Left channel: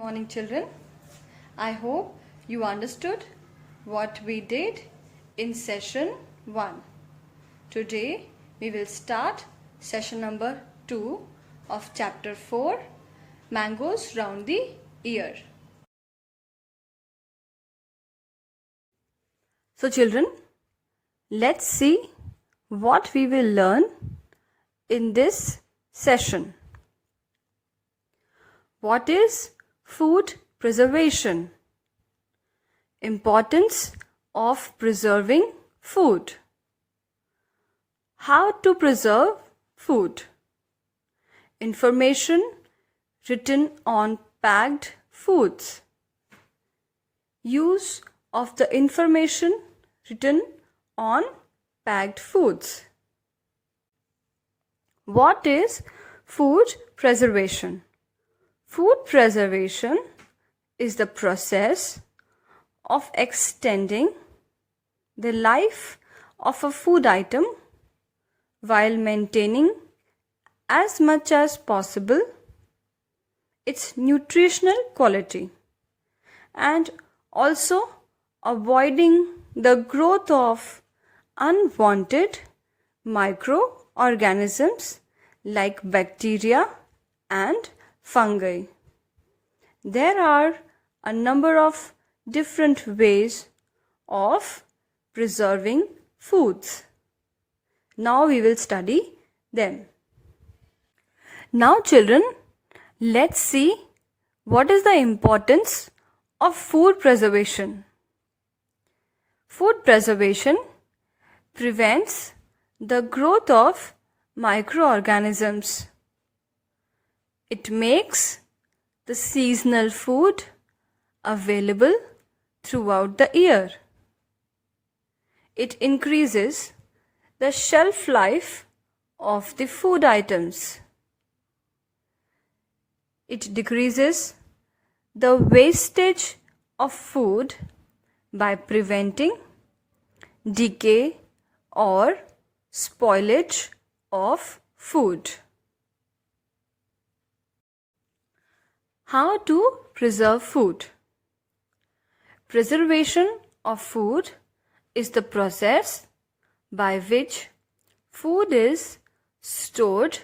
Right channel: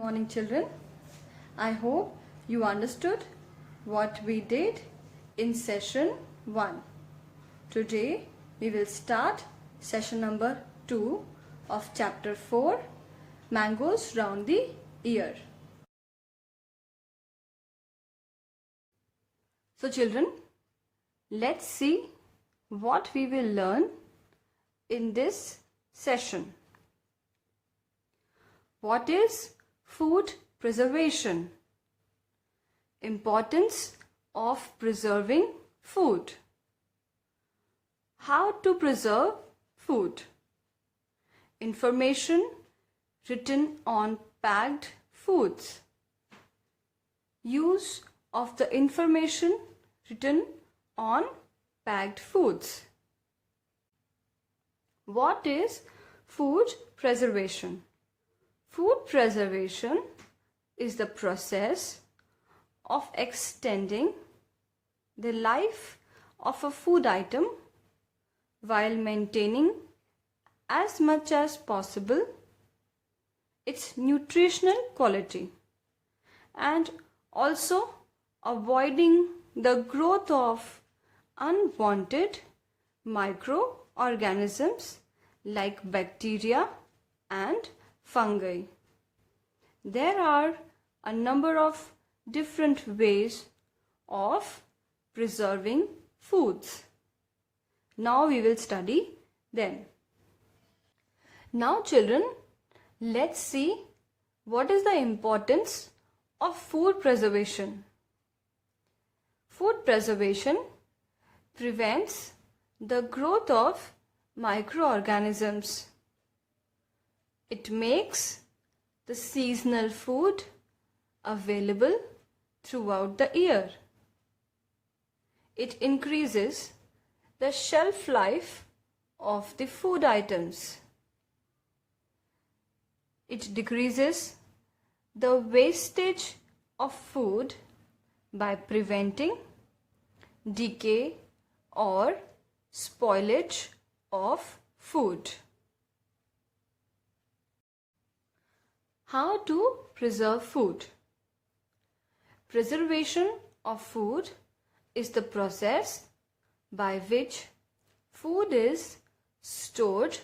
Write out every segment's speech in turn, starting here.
Morning children. I hope you understood what we did in session 1. Today we will start session number 2 of chapter 4, Mangoes Round the Ear. So children, let's see what we will learn in this session. What is food preservation? Importance of preserving food. How to preserve food. Information written on packed foods. Use of the information written on packed foods. What is food preservation? Food preservation is the process of extending the life of a food item while maintaining as much as possible its nutritional quality and also avoiding the growth of unwanted microorganisms like bacteria and fungi. There are a number of different ways of preserving foods. Now we will study them. Now children, let's see what is the importance of food preservation. Food preservation prevents the growth of microorganisms. It makes the seasonal food available throughout the year. It increases the shelf life of the food items. It decreases the wastage of food by preventing decay or spoilage of food. How to preserve food? Preservation of food is the process by which food is stored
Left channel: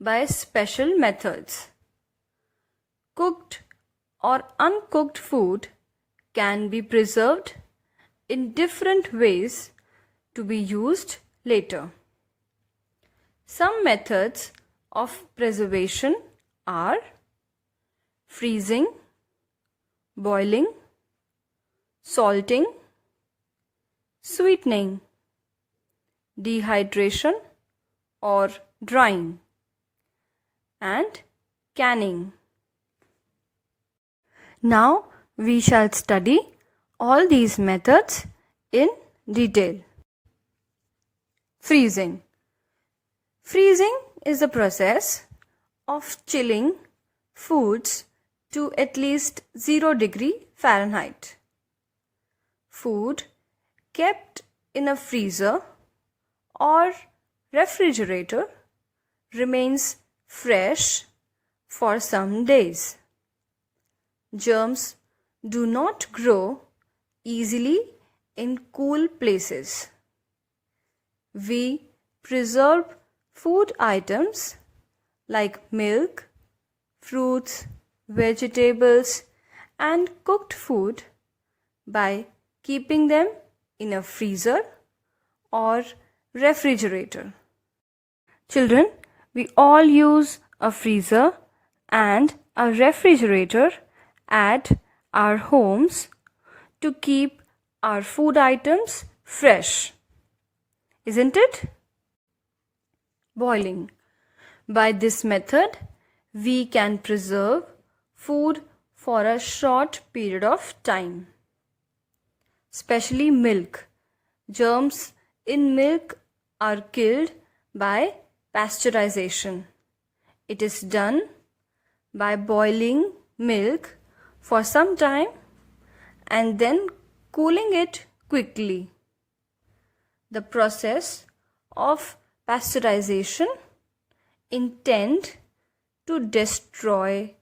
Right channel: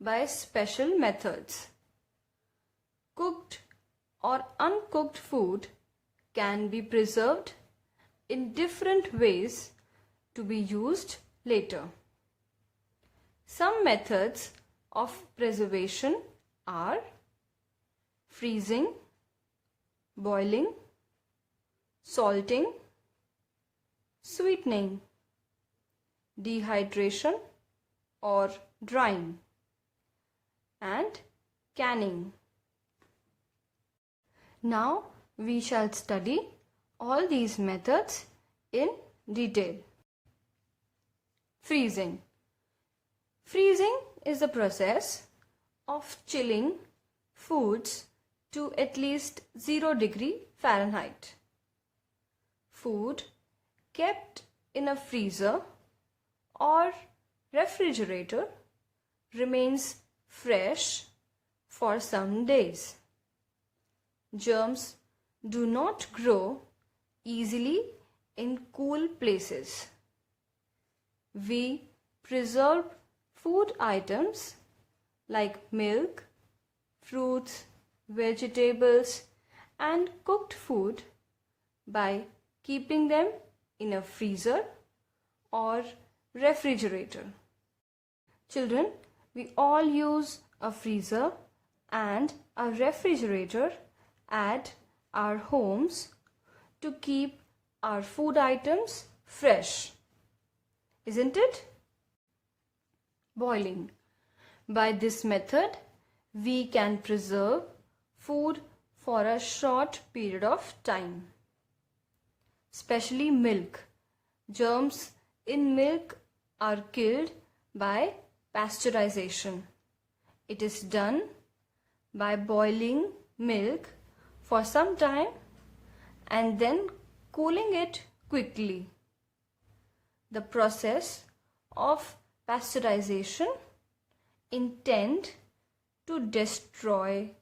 by special methods. Cooked or uncooked food can be preserved in different ways to be used later. Some methods of preservation are freezing, boiling, salting, sweetening, dehydration or drying, and canning. Now we shall study all these methods in detail. Freezing. Freezing is the process of chilling foods to at least 0 degree Fahrenheit. Food kept in a freezer or refrigerator remains fresh for some days. Germs do not grow easily in cool places. We preserve food items like milk, fruits, vegetables, and cooked food by keeping them in a freezer or refrigerator. Children, we all use a freezer and a refrigerator at our homes to keep our food items fresh. Isn't it? Boiling. By this method, we can preserve food for a short period of time. Especially milk. Germs in milk are killed by pasteurization. It is done by boiling milk for some time and then cooling it quickly. The process of pasteurization intend to destroy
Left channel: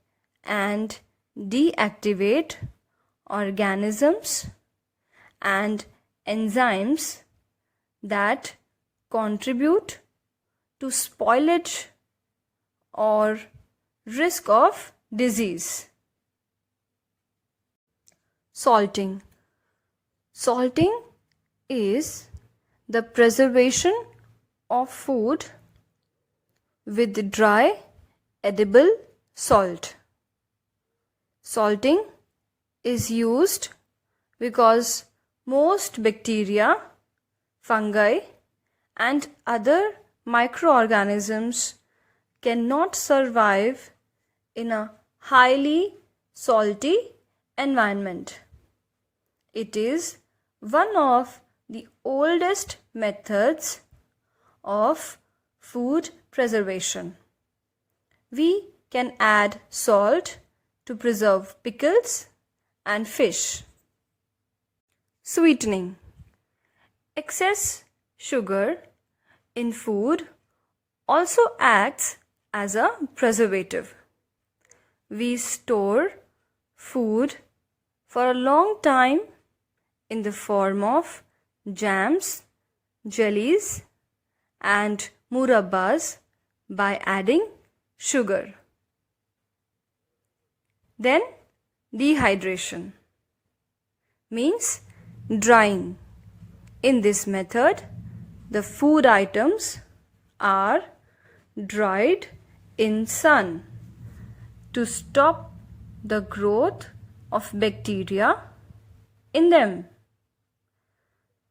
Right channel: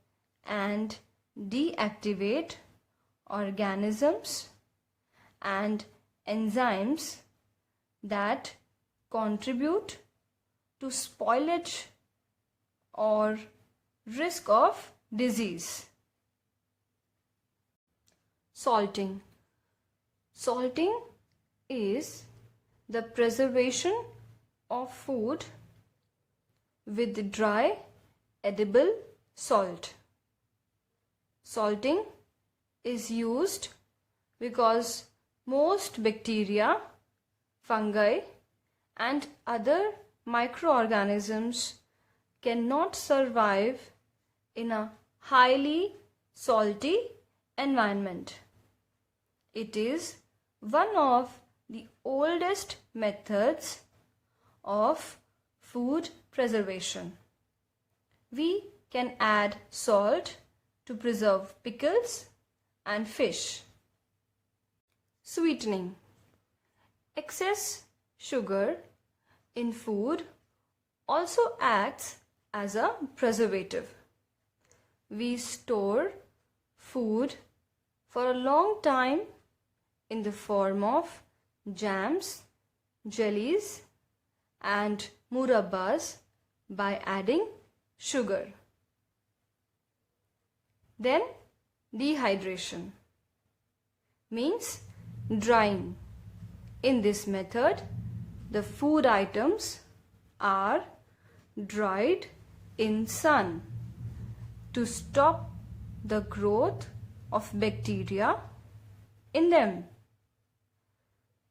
and deactivate organisms and enzymes that contribute to spoilage or risk of disease. Salting. Salting is the preservation of food with dry edible salt. Salting is used because most bacteria, fungi, and other microorganisms cannot survive in a highly salty environment. It is one of the oldest methods of food preservation. We can add salt to preserve pickles and fish. Sweetening. Excess sugar in food also acts as a preservative. We store food for a long time in the form of jams, jellies, and murabbas by adding sugar. Then dehydration means drying. In this method, the food items are dried in sun to stop the growth of bacteria in them.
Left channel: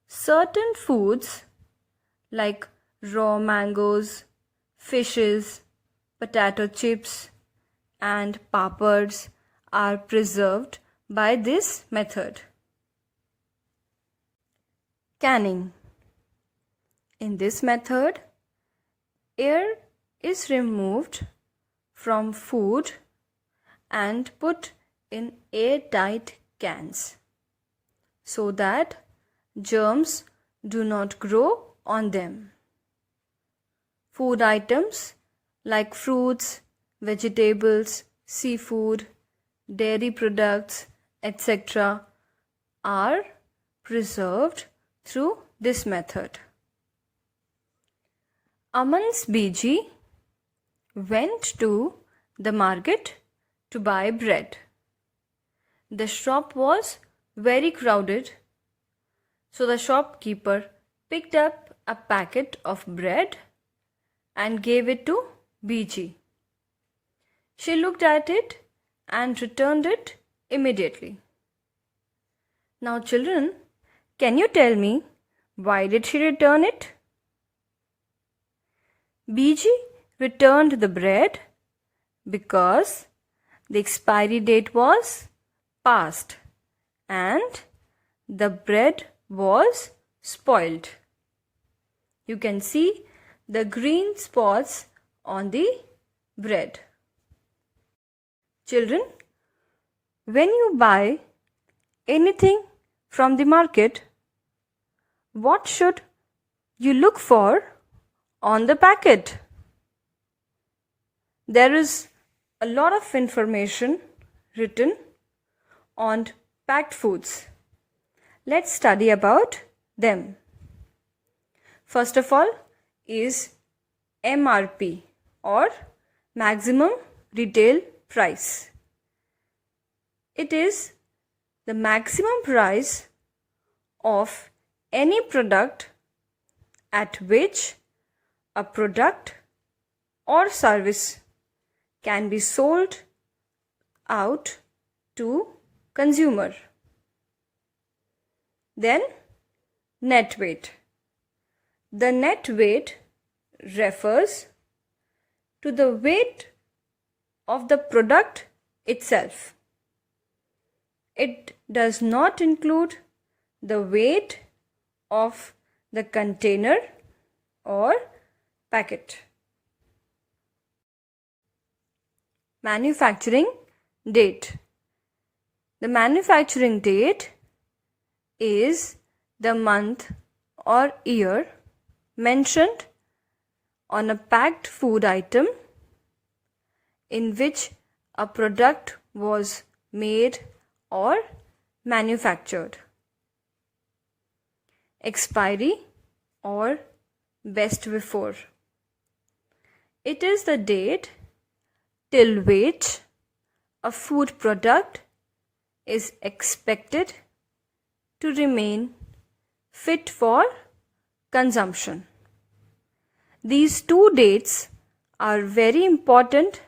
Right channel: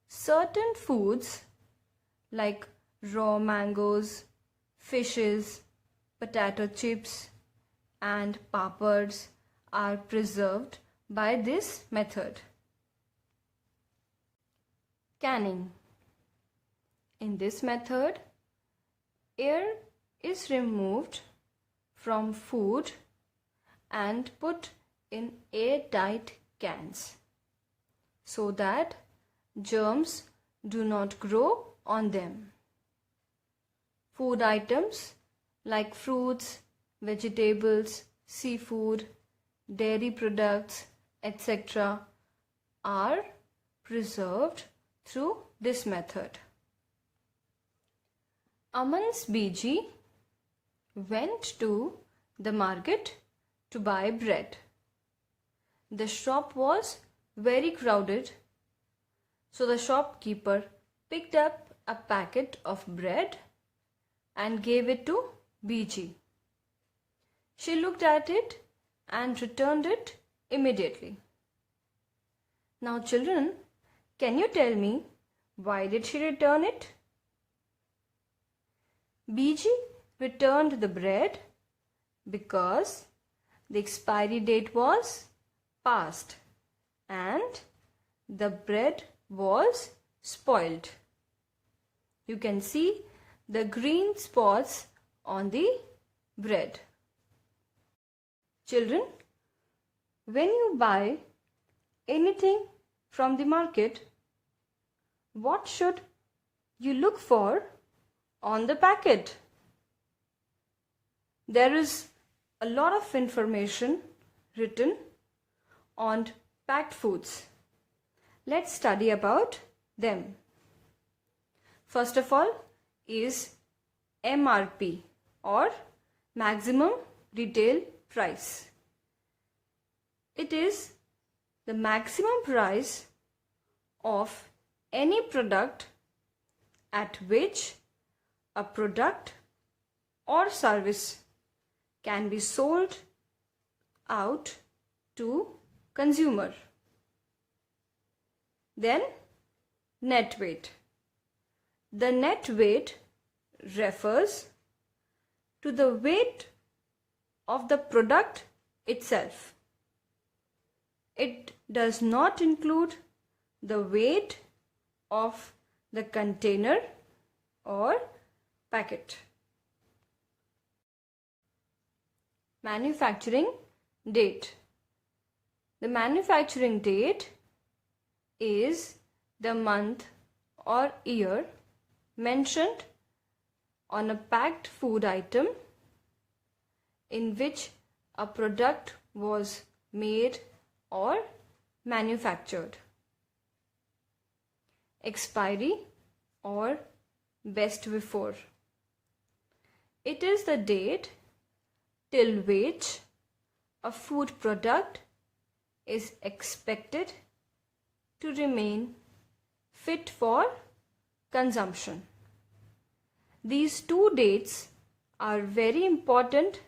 Certain foods like raw mangoes, fishes, potato chips, and papads are preserved by this method. Canning. In this method, air is removed from food and put in airtight cans so that germs do not grow on them. Food items like fruits, vegetables, seafood, dairy products, etc. are preserved through this method. Aman's Biji went to the market to buy bread. The shop was very crowded, so the shopkeeper picked up a packet of bread and gave it to Biji. She looked at it and returned it immediately. Now children, can you tell me why did she return it? Biji returned the bread because the expiry date was past and the bread was spoiled. You can see the green spots on the bread. Children, when you buy anything from the market, what should you look for on the packet? There is a lot of information written on packed foods. Let's study about them. First of all is MRP or maximum retail price. It is the maximum price of any product at which a product or service can be sold out to consumer. Then net weight. The net weight refers to the weight of the product itself. It does not include the weight of the container or packet. Manufacturing date. The manufacturing date is the month or year mentioned on a packed food item in which a product was made or manufactured. Expiry or best before. It is the date till which a food product is expected to remain fit for consumption. These two dates are very important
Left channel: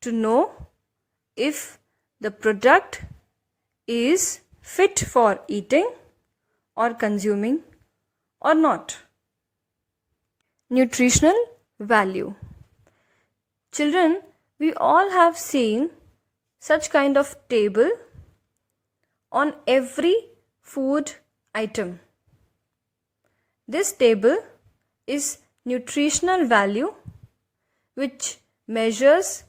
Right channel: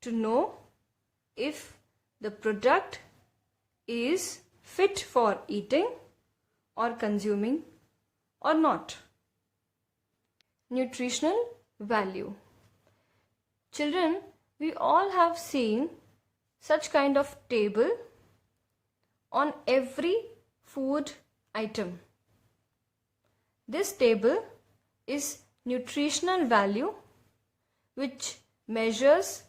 to know if the product is fit for eating or consuming or not. Nutritional value. Children, we all have seen such kind of table on every food item. This table is nutritional value, which measures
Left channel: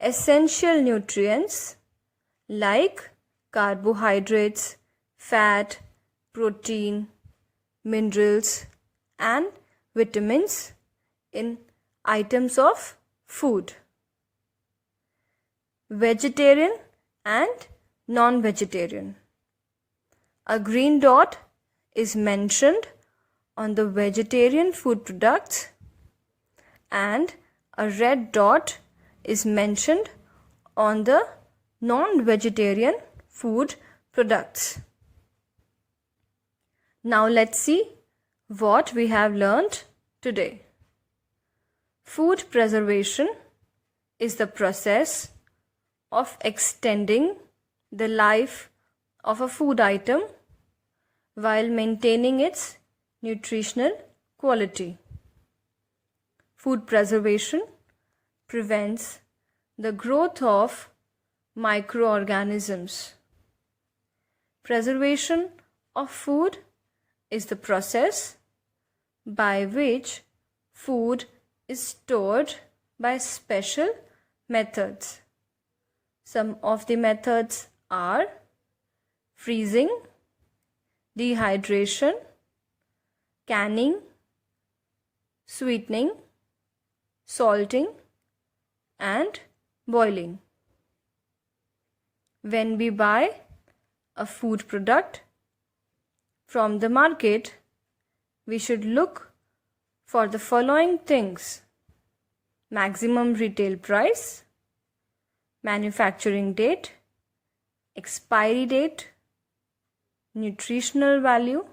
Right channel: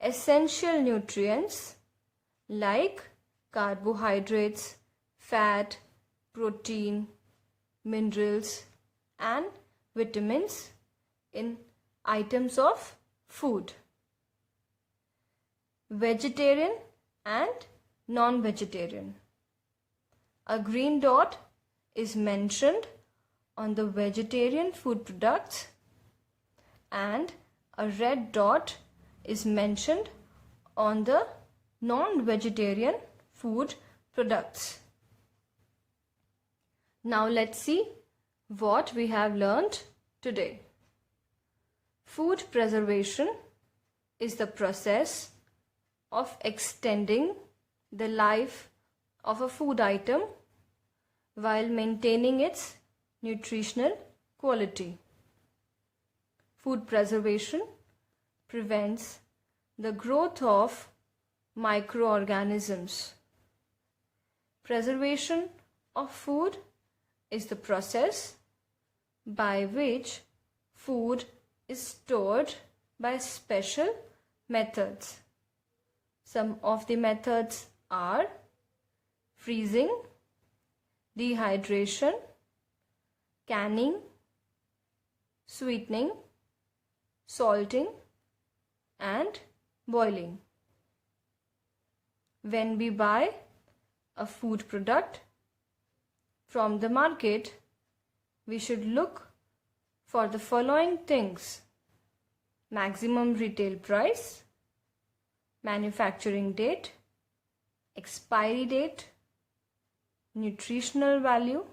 essential nutrients like carbohydrates, fat, protein, minerals, and vitamins in items of food. Vegetarian and non-vegetarian. A green dot is mentioned on the vegetarian food products and a red dot is mentioned on the non-vegetarian food products. Now let's see what we have learned today. Food preservation is the process of extending the life of a food item while maintaining its nutritional quality. Food preservation prevents the growth of microorganisms. Preservation of food is the process by which food is stored by special methods. Some of the methods are freezing, dehydration, canning, sweetening, salting, and boiling. When we buy a food product from the market, we should look for the following things: maximum retail price, manufacturing date, expiry date, nutritional value,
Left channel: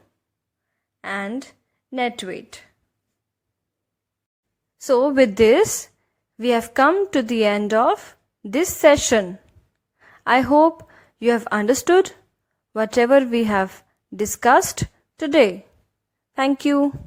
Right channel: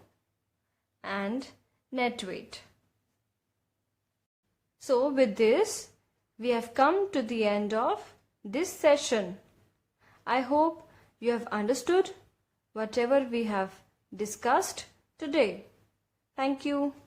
and net weight. So with this, we have come to the end of this session. I hope you have understood whatever we have discussed today. Thank you.